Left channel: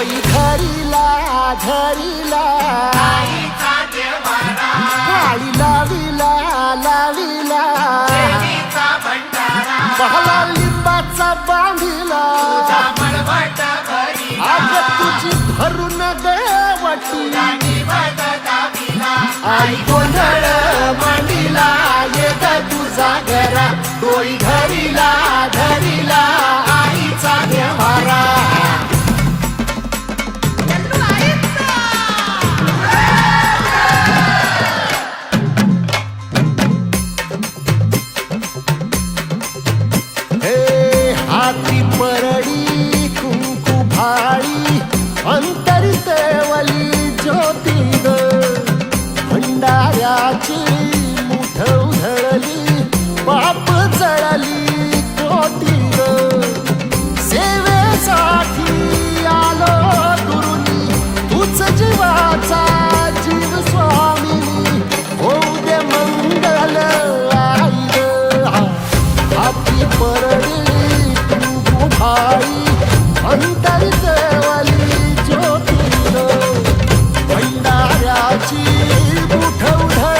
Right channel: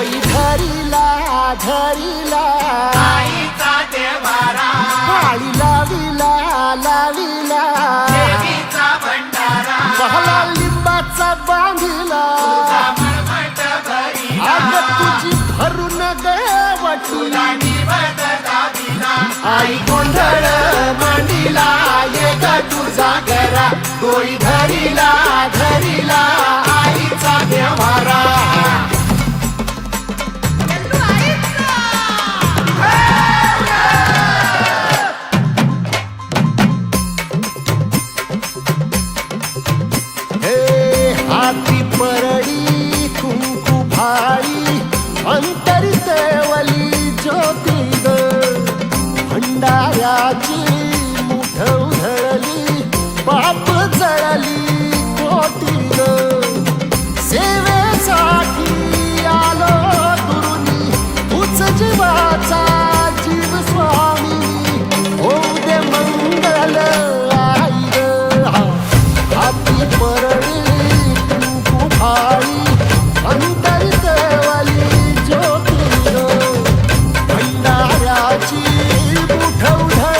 कोई धरीला धरीला। काळी लाविला लाविला। पहला लिंबाचा बांधिला। आग तुझी भरून गवटी आई गोंधळ मांडिला ये तुझा घरा डोळी धरीला धरीला। हे हाती परडी कुंकू भाळी अंतरितवली ज्योती ग. भंडाऱ्याची मुठ उधळली पाप जळली कोटी ग. सेवेसाठी आलो दुरुनी तूच जीवाचा जीव परळी तू कुंकू भाई अंतरितवली ज्योती ग भंडाऱ्याची मुठ उधळली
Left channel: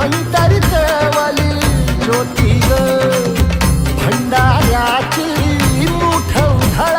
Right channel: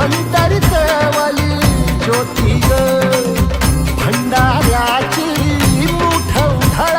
अंतरितवली ज्योती ग. भंडाऱ्याची मुठ उधा